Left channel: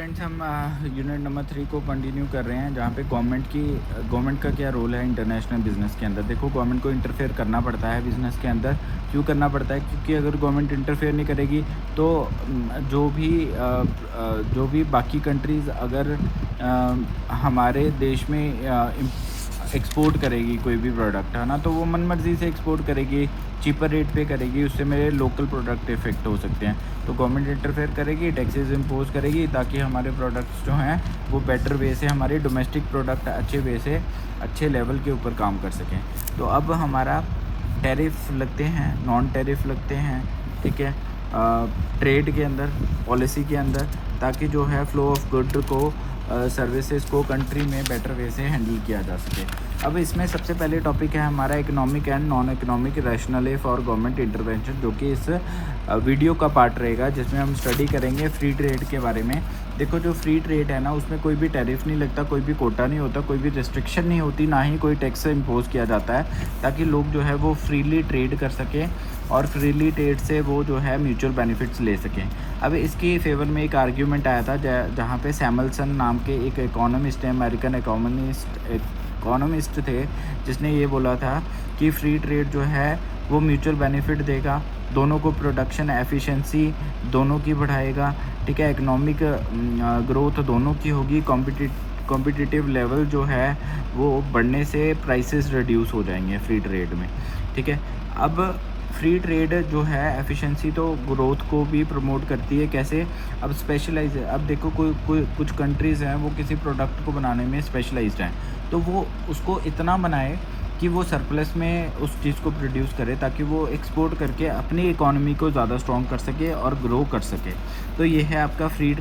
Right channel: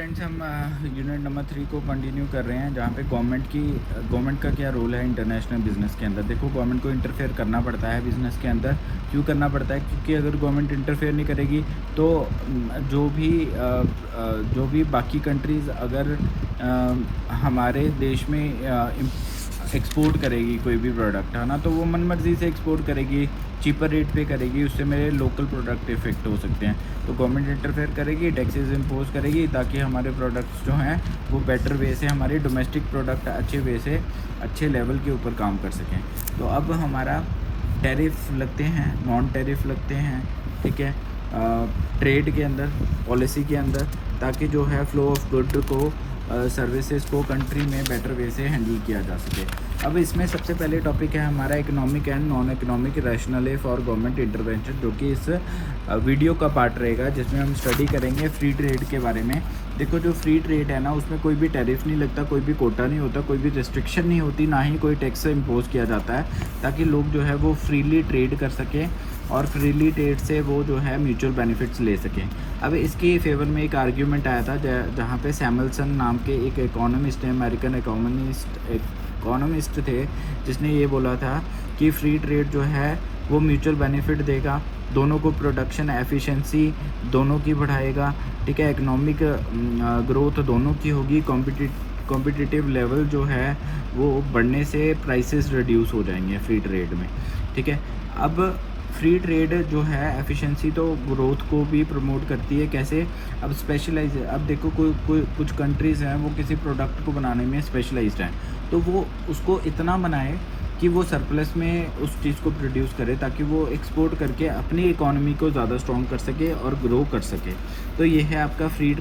Friends, हम unit number 3 को continue कर रहे हैं, जहाँ पे गवर्नमेंट का क्या रोल है इंटरनेशनल बिज़नेस के अंदर। देखो, गवर्नमेंट को इंटरफेयर करना पड़ता है बिज़नेस के अंदर। क्यों करना पड़ता है? क्योंकि अगर गवर्नमेंट इंटरफेयर नहीं करेगी तो जो भी बाकी कंट्रीज़ अगर हमारे देश में एक्सपोर्ट करेगी कोई भी प्रोडक्ट, है ना, तो वो मन मर्ज़ी से एक्सपोर्ट करेगी, चीपर रेट पे करेगी। उससे मेरे लोकल प्रोडक्ट इफ़ेक्ट हो सकते हैं। तो गवर्नमेंट इंटरफेयर करेगी, टैक्सेस इम्पोज करेगी, ताकि हमारे प्रोडक्ट्स जो हैं वो बेटर वे से, हमारे डोमेस्टिक प्रोडक्ट अच्छे वे से, अच्छे लेवल के ऊपर काम कर सकें। तो अब हमारा टैरिफ लगते हैं, नॉन टैरिफ लगते हैं, ठीक है, ट्रेड के अंदर, पॉलिसी के अंदर, ताकि जो है फ्लो ऑफ गुड को, सर्विसेज को कंट्री में बेटर वे से हैंडल किया जा सके। अब इसमें सबसे पहले टॉपिक है हमारा economic and non economic rational for government intervention, जो कि इस वीडियो का पार्ट रहेगा, जिसमें हम स्टडी करेंगे फ्री ट्रेड के बारे में। देखो, जो फ्री ट्रेड है ना, उसमें कोई भी टैरिफ नहीं लगता, कोई भी कोटा नहीं होता, कोई भी रिस्ट्रिक्शन नहीं होती, ना ही कोई टैक्स इम्पोज किया जाता है, ताकि लोग जो है वो फ्रीली ट्रेड कर सकें और फ्रीली ट्रेड से वो जो है म्यूचुअल बेनिफिट्स ले सकें। अब इसकी फेवर में एक आर्ग्यूमेंट आया था, जहाँ पे सैमुअलसन नाम के एक इकोनॉमिस्ट थे, अमेरिकन इकोनॉमिस्ट थे, जिसने ये बोला था कि फ्री ट्रेड जो है वो म्यूचुअल बेनिफिट देगा, दोनों को प्रोडक्शन एफिशिएंसी दोनों की बढ़ाएगा, ठीक है, इकोनॉमिक ग्रोथ दोनों की होगी, कॉम्पिटिटिव लेवल जो है वो बढ़ने से प्राइसेस रिड्यूस हो जाएंगे फ्री ट्रेड में, ठीक है। अब फ्री ट्रेड जो है एफिशिएंसी तो ग्रोथ को भी प्रमोट करती है। कैसे? अब स्पेशलाइज, अब देखो, कुछ कंट्रीज़ हैं वो किसी प्रोडक्ट को बनाने में स्पेशलाइज्ड हैं, तो वो उसको इतना बनाए कि वो सरप्लस में उस चीज़ को प्रोड्यूस करे, ताकि वो एक्सपोर्ट करके अपनी इकोनॉमी को ज़्यादा स्ट्रॉन्ग कर सके और ग्रो कर सके। तो ये है आपका free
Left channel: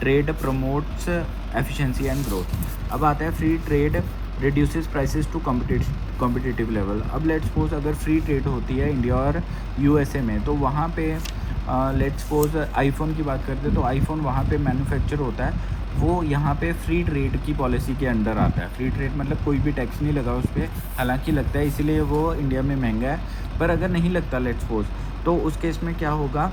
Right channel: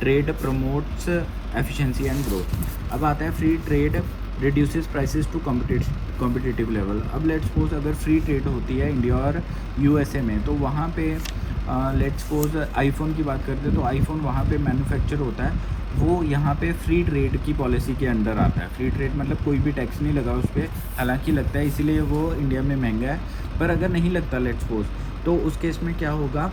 trade promotes efficiency and growth. अब आता है free trade reduces prices to competitive level. अब लेट्स सपोज अगर फ्री ट्रेड होती है इंडिया और यूएसए में, तो वहाँ पे लेट्स सपोज आईफोन की बात करते हैं, तो आईफोन वहाँ पे मैन्युफैक्चर होता है, वो यहाँ पे फ्री ट्रेड की पॉलिसी के अंडर आता है। फ्री ट्रेड मतलब कोई भी टैक्स नहीं लगा उस पर, हालांकि लगता है इसीलिए वो इंडिया में महंगा है। पर अगर नहीं लगता लेट्स सपोज, तो उस केस में क्या होगा,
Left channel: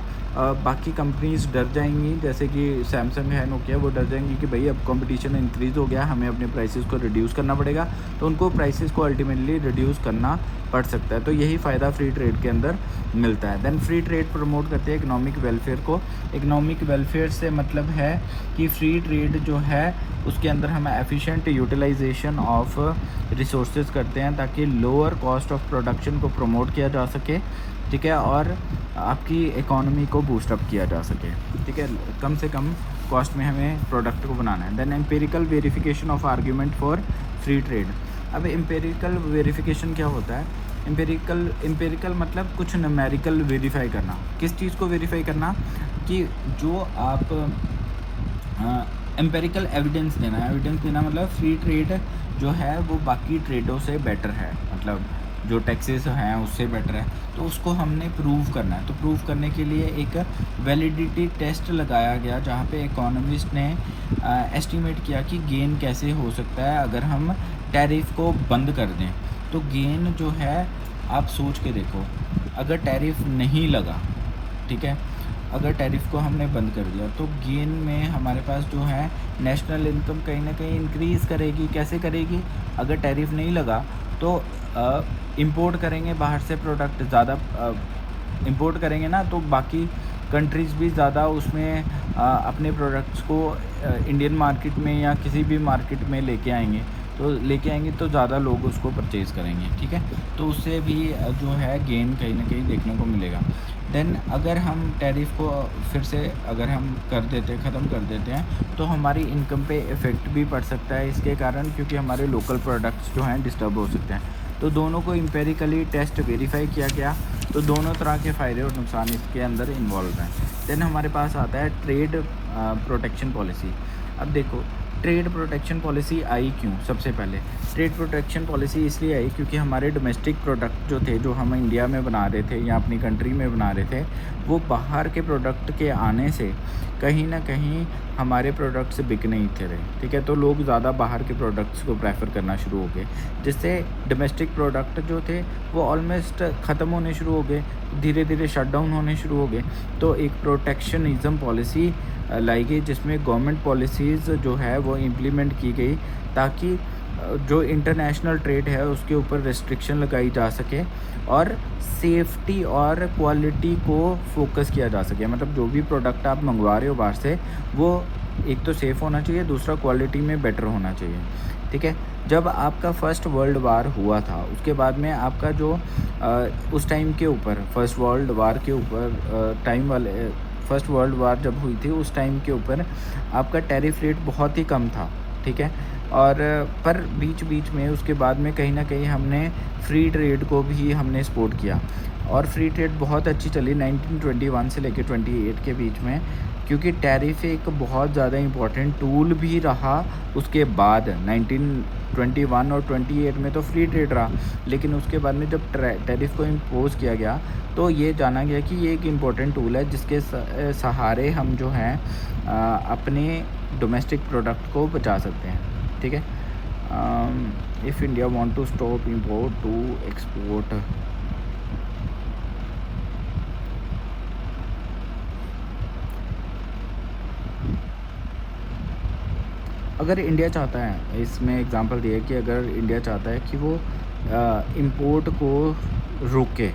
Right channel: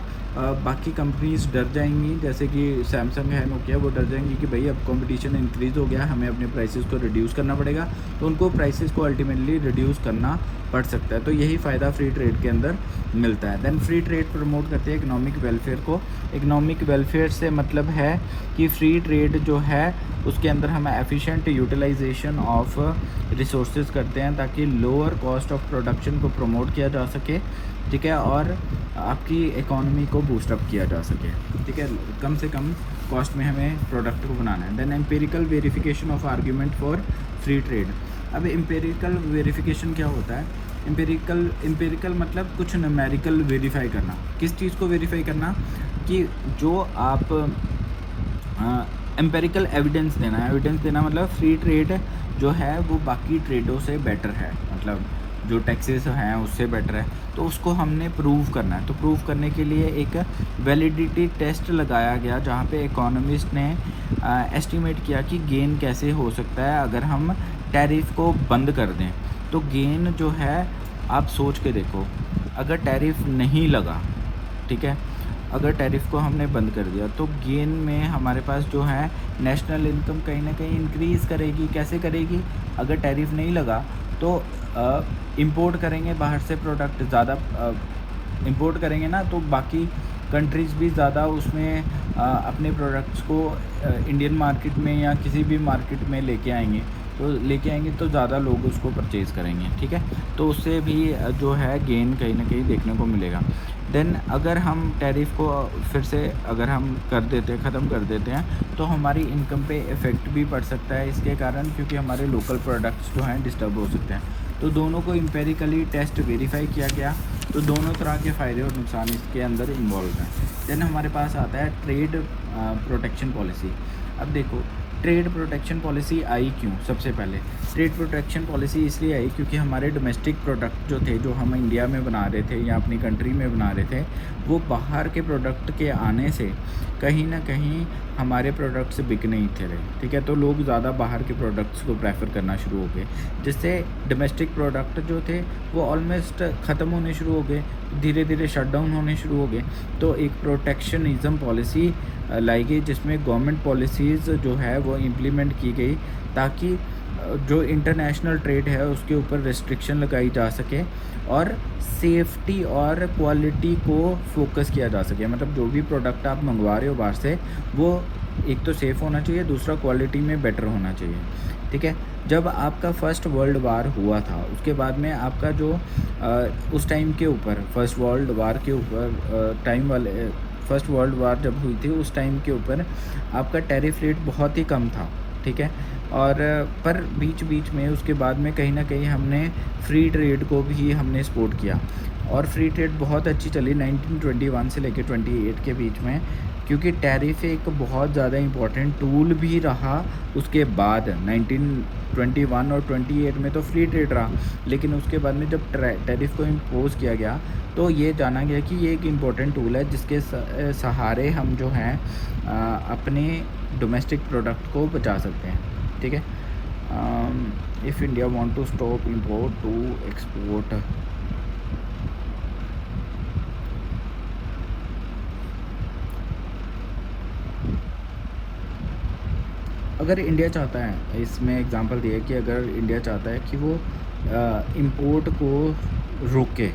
बाकी कंपनीज डर जाएंगी, जैसे कि सैमसंग है, नोकिया, वो डर जाएंगी कि भाई अब कंपटीशन इंक्रीज़ हो गया, हमें अपने प्राइसेस को रिड्यूस करना पड़ेगा, तो उनको प्राइसेस को अल्टीमेटली रिड्यूस करना पड़ सकता है। तो यही फ़ायदा फ्री ट्रेड के अंदर मिलता है। देन फ्री ट्रेड प्रमोट करते हैं इकोनॉमिक वेलफेयर को। इकोनॉमिक वेलफेयर से मतलब है कि फ्री ट्रेड जो है उसके अंदर हम एफिशिएंट यूटिलाइजेशन ऑफ रिसोर्सेज करते हैं, ताकि लोअर कॉस्ट ऑफ प्रोडक्शन को प्रमोट किया जा सके, ठीक है, और आपकी इकोनॉमी को बूस्टअप किया जा सके, ठीक है, कम से कम कॉस्ट में हमें प्रोडक्ट को बनाना है। Then empirical verification of argument for free trade. अब एम्पेरिकल वेरिफिकेशन क्या होता है? एम्पेरिकल मतलब कुछ न्यूमेरिकल वेरीफाई करना। किस चीज़ को वेरीफाई करना? कि जो आप एम्पेरिकल एविडेंस देना मतलब फ्री ट्रेड जो है वो बाकी ट्रेडों से बेटर है, मतलब जो टैक्सेस हैं उससे बेटर है, तो उसको हमने प्रूव करना है। तो प्रूव करने के लिए एक वैलिडिटी टेस्ट लगाया गया, जहाँ पे इकोनॉमिस्ट ने एस्टिमेट किया कि गेन कैसे हो सकता है अगर हम टैरिफ को बंद कर दें। तो गेन जो है, आप सोच के देखो, अगर टैरिफ नहीं लगा, ठीक है, अगर टैरिफ को हमने बंद कर दिया, तो गेन में हमारे पास जो है नेशनल इनकम कहीं ना कहीं इंक्रीज़ करेगी। कैसे करेगी? अगर टैरिफ नहीं लगा तो इंपोर्ट करेंगे बाहर से प्रोडक्ट, ज़्यादा इंपोर्ट करेंगे ना, तो बाकी कंट्रीज़ भी ज़्यादा उसमें अपने प्रोडक्ट्स को इंडियन मार्केट में या किसी भी मार्केट में लेके आएंगे, तो ज़्यादा लोग उसको परचेज़ करेंगे, ठीक है। तो उससे भी जो है गेन कहीं ना कहीं देखने को मिलेगा। देन अगर हम टैरिफ को फिर से अगर हम ख़त्म कर देते हैं, तो हमारी इनकम पे इफ़ेक्ट भी पड़ सकता है इसके कारण, क्योंकि हमारे लोकल प्रोडक्ट्स जो हैं डिस्टर्ब हो सकते हैं। तो दोनों को एम्पेरिकली टेस्ट वेरीफाई किया गया, तो दोनों तरह के फ़ायदे और नुकसान इसके अंदर इन्वॉल्व हैं। देन हमारे पास आता है ट्रेड प्रोटेक्शन पॉलिसी। अब देखो, ट्रेड प्रोटेक्शन पॉलिसी आई क्यों? सबसे पहले ट्रेड प्रोटेक्शन पॉलिसी इसलिए आई क्योंकि हमारे डोमेस्टिक प्रोडक्ट जो थे, जो हम इंडिया में बना रहे थे या अपनी कंट्री में बना रहे थे, वो बाहर के प्रोडक्ट के आने से कहीं ना कहीं हमारे प्रोडक्ट्स बिक नहीं थे रहे, ठीक है। तो लोग ज़्यादा बाहर के प्रोडक्ट्स को प्रेफर करना शुरू हो गए, जिससे डोमेस्टिक प्रोडक्ट जो थे वो ऑलमोस्ट ख़त्म होने शुरू हो गए, धीरे धीरे शट डाउन होने शुरू हो गए। तो एक प्रोटेक्शनिज़म पॉलिसी लाई गई, जिसमें गवर्नमेंट पॉलिसीज़ जो है वो इम्प्लीमेंट की गई ताकि जो इंटरनेशनल ट्रेड है उसके ऊपर रिस्ट्रिक्शन लगाई जा सके और सेफ्टी और क्वालिटी को फोकस किया जा सके। मतलब जो भी प्रोडक्ट आप मंगवा रहे हो बाहर से, वो एक तो सेफ़ होना चाहिए, दूसरा क्वालिटी में बेटर होना चाहिए, ठीक है। जब आपका फर्स्ट वर्ल्ड वार हुआ था, उसके बाद में आपका जो उस टाइम के ऊपर फर्स्ट वर्ल्ड वार के ऊपर फर्स्ट वर्ल्ड वार जब हुई थी उस टाइम के ऊपर आपका टैरिफ रेट बहुत ही कम था, ठीक है। और पर बीच बीच में उसके बाद में कहीं ना कहीं हमने फ्री ट्रेड को भी हमने सपोर्ट किया और फ्री ट्रेड बहुत अच्छी चली 1921 से लेकर 28 के बीच में, क्योंकि टैरिफ एक बहुत ज़्यादा इम्पोर्टेंट टूल भी रहा। उसके बाद 1921 और 28 में तो फ्री ट्रेड रहा, लेकिन उसके बाद में जब टैरिफ को इम्पोज किया गया तो ये जाना गया कि ये एक इम्पोर्टेंट टूल है जिसके सहारे हम जो है अपने डोमेस्टिक प्रोडक्ट को बचा सकते हैं, ठीक है। If India want to stop import to export, अगर इंडिया चाहता है, इसमें एग्जांपल दिए कि अगर इंडिया चाहता है कि वो इंपोर्ट को रोके,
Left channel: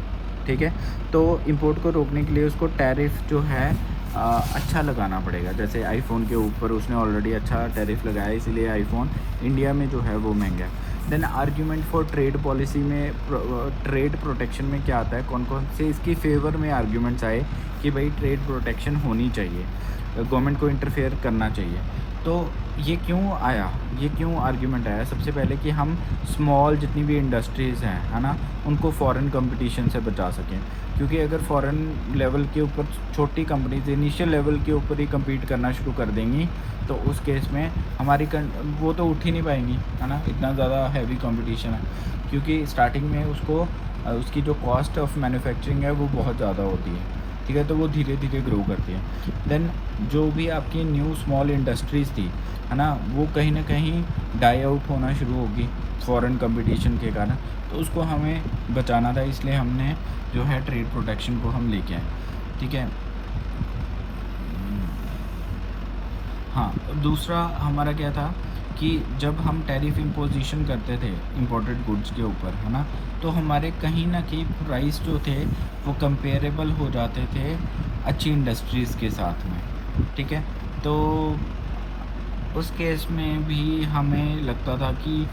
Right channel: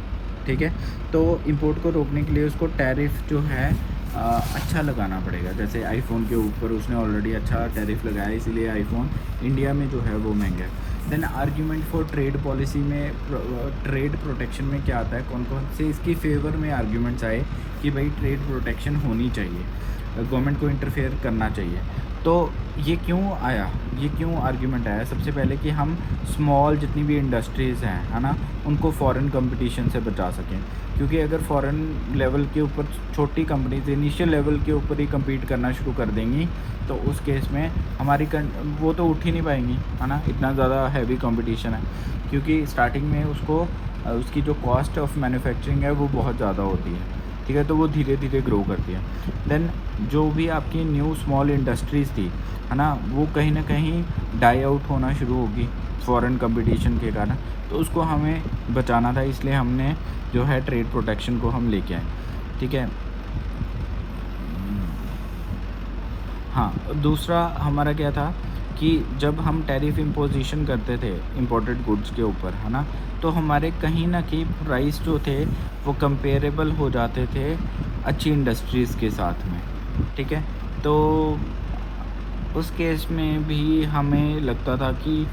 ठीक है, तो इंपोर्ट को रोकने के लिए उसको टैरिफ जो है अच्छा लगाना पड़ेगा। जैसे आईफोन के ऊपर उसने ऑलरेडी अच्छा टैरिफ लगाया, इसीलिए आईफोन इंडिया में जो है वो महंगा है। Then argument for trade policy में ट्रेड प्रोटेक्शन में क्या आता है, कौन कौन से इसकी फेवर में आर्ग्यूमेंट्स आए कि भाई ट्रेड प्रोटेक्शन होनी चाहिए, गवर्नमेंट को इंटरफेयर करना चाहिए। तो ये क्यों आया, ये क्यों आर्ग्यूमेंट आया? सबसे पहले कि हम स्मॉल जितनी भी इंडस्ट्रीज़ हैं, है ना, उनको फॉरेन कंपटीशन से बचा सकें, क्योंकि अगर फॉरेन लेवल के ऊपर छोटी कंपनीज इनिशियल लेवल के ऊपर ही कम्पीट करना शुरू कर देंगी तो उस केस में हमारी वो तो उठ ही नहीं पाएंगी, है ना, इतना ज़्यादा हैवी कंपटीशन है, क्योंकि स्टार्टिंग में उसकी जो कॉस्ट ऑफ मैन्युफैक्चरिंग है वो बहुत ज़्यादा होती है, ठीक है, तो वो धीरे धीरे ग्रो करती है। देन जो भी आपकी न्यू स्मॉल इंडस्ट्रीज़ थी, है ना, वो कहीं ना कहीं डाई आउट होना शुरू होगी फॉरेन कंपटीशन के कारण, तो उसको हमें बचाना था, इसलिए हमने जो है ट्रेड प्रोटेक्शन को हम लेके आए, ठीक है। हाँ, दूसरा हमारा क्या था कि जब हम टैरिफ इम्पोजिशन करते थे इंपोर्टेड गुड्स के ऊपर, है ना, तो हमारे कहीं ना कहीं प्राइस जो थे वो कंपेरेबल हो जाते थे अच्छी इंडस्ट्रीज़ के साथ में, ठीक है। तो उस केस में भी हमें लगता था कि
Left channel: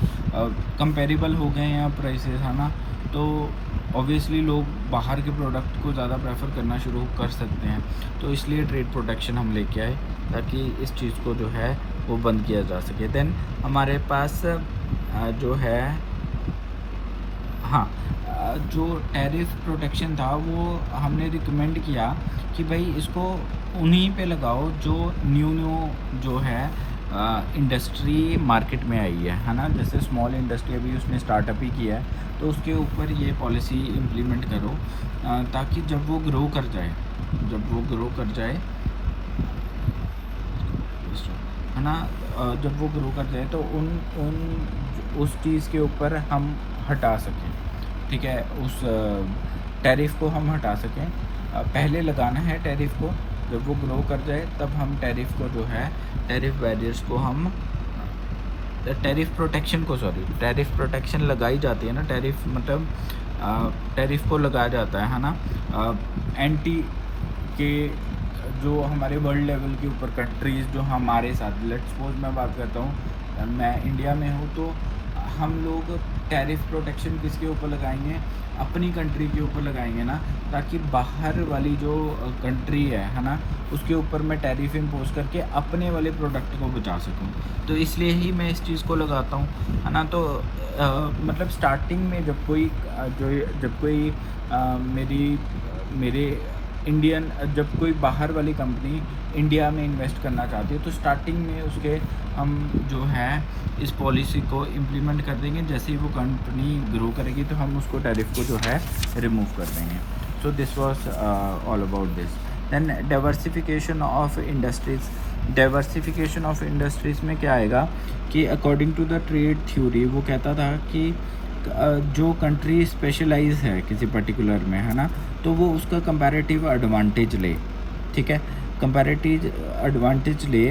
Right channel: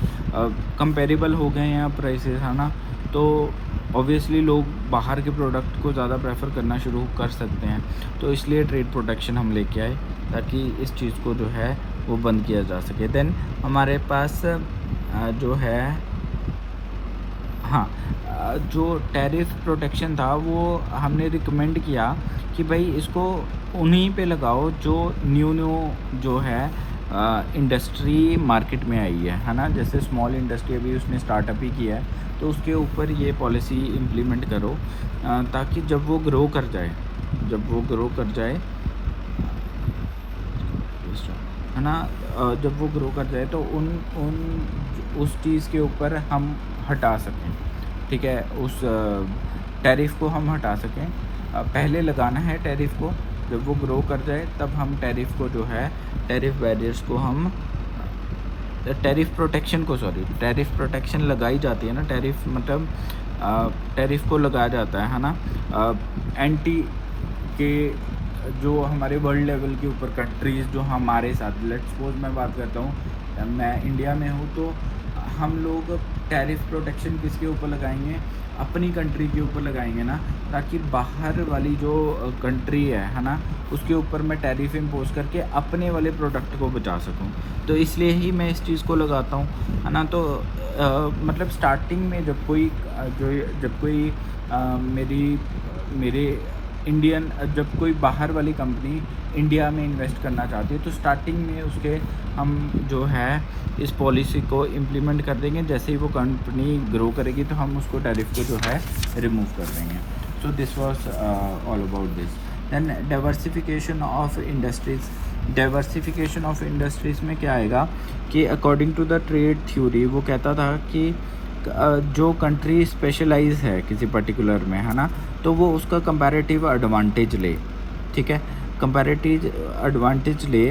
कंपेरेबल हो गए हैं प्राइसेस, है ना, तो ऑब्वियसली लोग बाहर के प्रोडक्ट को ज़्यादा प्रेफर करना शुरू कर सकते हैं, तो इसलिए ट्रेड प्रोटेक्शन हम लेके आए ताकि इस चीज़ को जो है वो बंद किया जा सके। देन हमारे पास जो है जो टैरिफ प्रोटेक्शन था वो हमने रिकमेंड किया कि भाई इसको उन्हीं पे लगाओ जो न्यू जो है इंडस्ट्री मार्केट में आई है ना, जैसे स्मॉल इंडस्ट्री अभी उसने स्टार्टअप ही किया है तो उसके ऊपर ये पॉलिसी इम्प्लीमेंट करो ताकि जब वो ग्रो कर जाए है ना, जब वो ग्रो कर जाए तो उस चीज़ के ऊपर हम हटा सकें, ठीक है, उस टैरिफ को हम हटा सकें। पहले लगाना है टैरिफ को, जब वो ग्रो कर जाए तब हम टैरिफ को जो है टैरिफ बैरियर्स को हम टैरिफ प्रोटेक्शन लगाई जाती है ना, टैरिफ मतलब टैरिफ को लगाया जाता है ना, एंटी के जो हमारे वर्ल्ड लेवल के ऊपर कंट्रीज़ जो हमारे साथ, लेट्स सपोज मैं बात करता हूँ, मैं इंडिया में हूँ तो हम लोग टैरिफ प्रोटेक्शन किसके ऊपर लगाएंगे, अपनी कंट्री के ऊपर लगाएंगे ना, ताकि बाहर वाली जो कंट्री है ना, उसके ऊपर मैं टैरिफ इम्पोज करके अपने वाले प्रोडक्ट को बचा सकूं। तो इसलिए ही मैं इस चीज़ को लगाता हूँ, है ना। तो मतलब स्टार्टिंग में जब कोई जब कोई बाहर वाली कंपनी इंडिया में इन्वेस्ट करना चाहती है तो स्टार्टिंग में उसके हम जो है इस पॉलिसी को इम्प्लीमेंट कर देंगे, जैसे ही वो कंपनी ग्रो करेगी तो हम उसको टैरिफ को जो है रिमूव कर देंगे। So this was all about this. Then diversification of industries में क्या आएगा कि according to the trade theory वो कहता था कि जो कंट्री स्पेशलाइज है किसी पर्टिकुलर में, है ना, तो वो उसका कंपैरेटिव एडवांटेज ले, ठीक है। कंपैरेटिव एडवांटेज ले,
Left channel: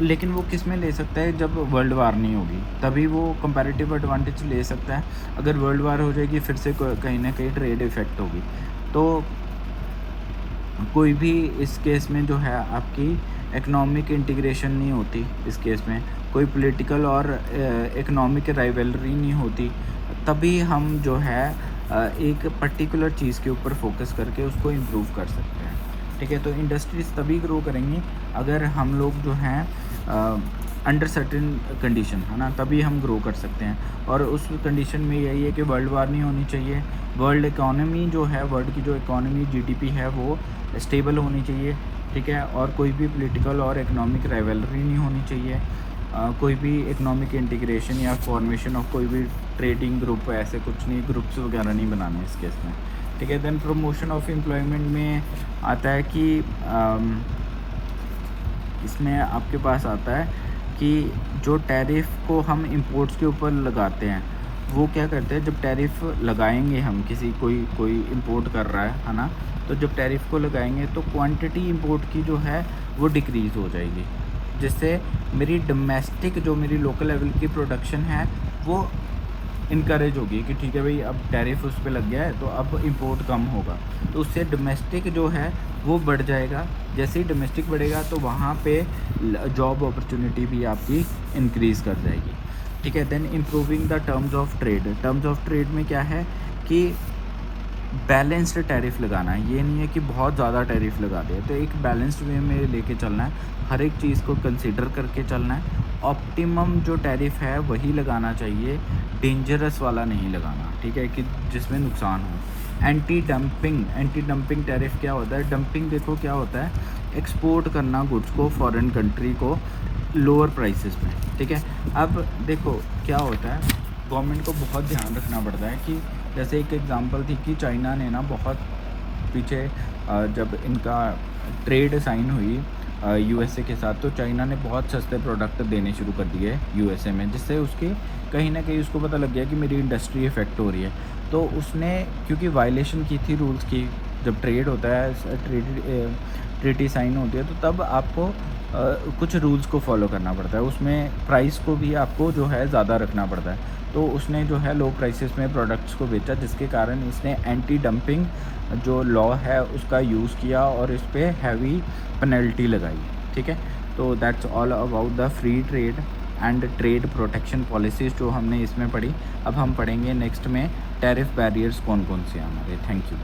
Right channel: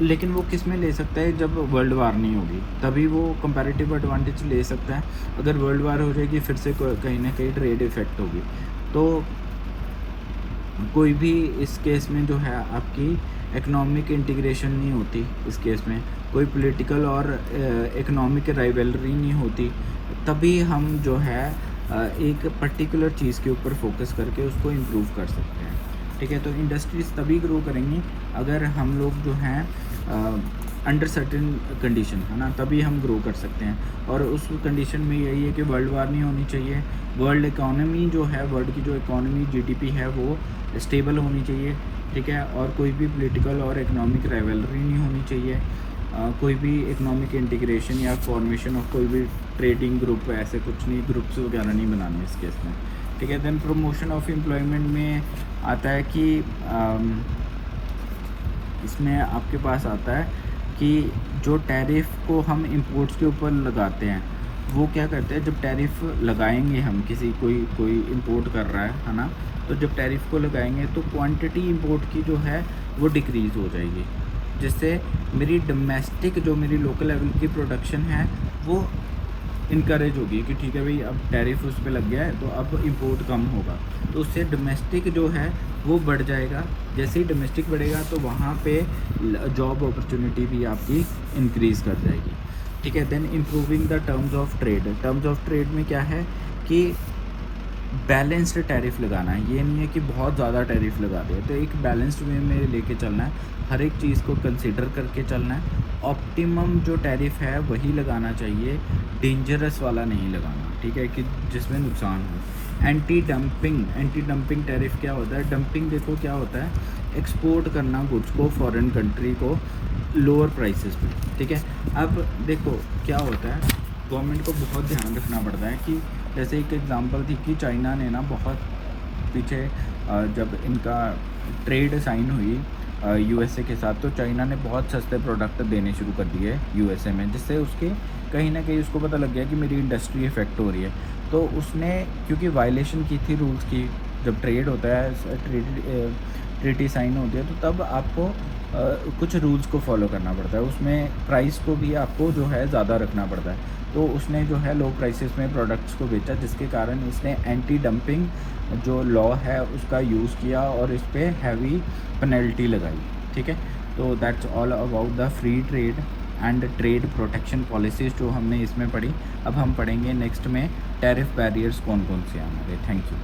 लेकिन वो किस में ले सकता है, जब वर्ल्ड वार नहीं होगी तभी वो कंपैरेटिव एडवांटेज ले सकता है। अगर वर्ल्ड वार हो जाएगी फिर से कहीं ना कहीं ट्रेड इफेक्ट होगी। तो कोई भी इस केस में जो है आपकी इकोनॉमिक इंटीग्रेशन नहीं होती, इस केस में कोई पॉलिटिकल और इकोनॉमिक राइवलरी नहीं होती, तभी हम जो है एक पर्टिकुलर चीज़ के ऊपर फोकस करके उसको इम्प्रूव कर सकते हैं। ठीक है, तो इंडस्ट्रीज़ तभी ग्रो करेंगी अगर हम लोग जो हैं अंडर सर्टेन कंडीशन, है ना, तभी हम ग्रो कर सकते हैं। और उस कंडीशन में यही है कि वर्ल्ड वार नहीं होनी चाहिए, वर्ल्ड इकोनॉमी जो है, वर्ल्ड की जो इकोनॉमी जीडीपी है वो स्टेबल होनी चाहिए। ठीक है, और कोई भी पॉलिटिकल और इकोनॉमिक राइवलरी नहीं होनी चाहिए, कोई भी इकोनॉमिक इंटीग्रेशन या फॉर्मेशन ऑफ कोई भी ट्रेडिंग ग्रुप, ऐसे कुछ नहीं, ग्रुप्स वगैरह नहीं बनाने इस केस में। ठीक है, देन प्रमोशन ऑफ एम्प्लॉयमेंट में आता है कि इसमें आपके पास आता है कि जो टैरिफ को हम इंपोर्ट्स के ऊपर लगाते हैं, वो क्या करते हैं, जब टैरिफ लगाएंगे हम कोई इंपोर्ट कर रहा है ना, तो जब टैरिफ को लगाएंगे तो क्वांटिटी इंपोर्ट की जो है वो डिक्रीज़ हो जाएगी, जिससे मेरी डोमेस्टिक जो मेरी लोकल लेवल की प्रोडक्शन है वो इनकरेज होगी कि ठीक है भाई, अब टैरिफ उस पर लग गया है तो अब इंपोर्ट कम होगा, तो उससे डोमेस्टिक जो है वो बढ़ जाएगा। जैसे ही डोमेस्टिक बढ़ेगा तो वहाँ पे जॉब अपॉर्चुनिटी भी आपकी इंक्रीज़ कर जाएगी। ठीक है, then improving the terms of trade. Terms of trade में क्या है कि बैलेंस्ड टैरिफ लगाना है, ये नहीं है कि बहुत ज़्यादा टैरिफ लगा दिया, तो एक बैलेंस्ड वे में लेके चलना है, हर एक चीज़ को कंसिडर करके चलना है। ऑप्टिमम जो टैरिफ है वही लगाना चाहिए, डेंजरस वाला नहीं लगाना। ठीक है, कि जिसमें नुकसान हो। एंटी डंपिंग टैरिफ क्या होता है, डंपिंग देखो क्या होता है, एक्सपोर्ट करना गुड्स को फॉरेन कंट्री को लोअर प्राइसेस पे। ठीक है, अब देखो क्या होता है, गवर्नमेंट को बहुत ध्यान रखना पड़ता है कि जैसे एक एग्जांपल थी कि चाइना ने ना बहुत पीछे जब इनका ट्रेड साइन हुई यूएसए के साथ, तो चाइना ने बहुत सस्ते प्रोडक्ट देने शुरू कर दिए यूएसए में, जिससे उसके कहीं ना कहीं उसको पता लग गया कि मेरी इंडस्ट्री इफेक्ट हो रही है। तो उसने क्योंकि वायलेशन की थी रूल्स की, जब ट्रेड होता है, ट्रीटी साइन होती है, तो तब आपको कुछ रूल्स को फॉलो करना पड़ता है, उसमें प्राइस को भी आपको जो है ज़्यादा रखना पड़ता है। तो उसने जो है लो प्राइसेस में प्रोडक्ट्स को बेचा, जिसके कारण इसने एंटी डंपिंग जो लॉ है उसका यूज़ किया और इस पर हैवी पेनल्टी लगाई। ठीक है, तो that's all about the free trade and trade protection policies जो हमने इसमें पढ़ी। अब हम पढ़ेंगे नेक्स्ट में टैरिफ बैरियर्स कौन कौन से हैं हमारे। Thank you.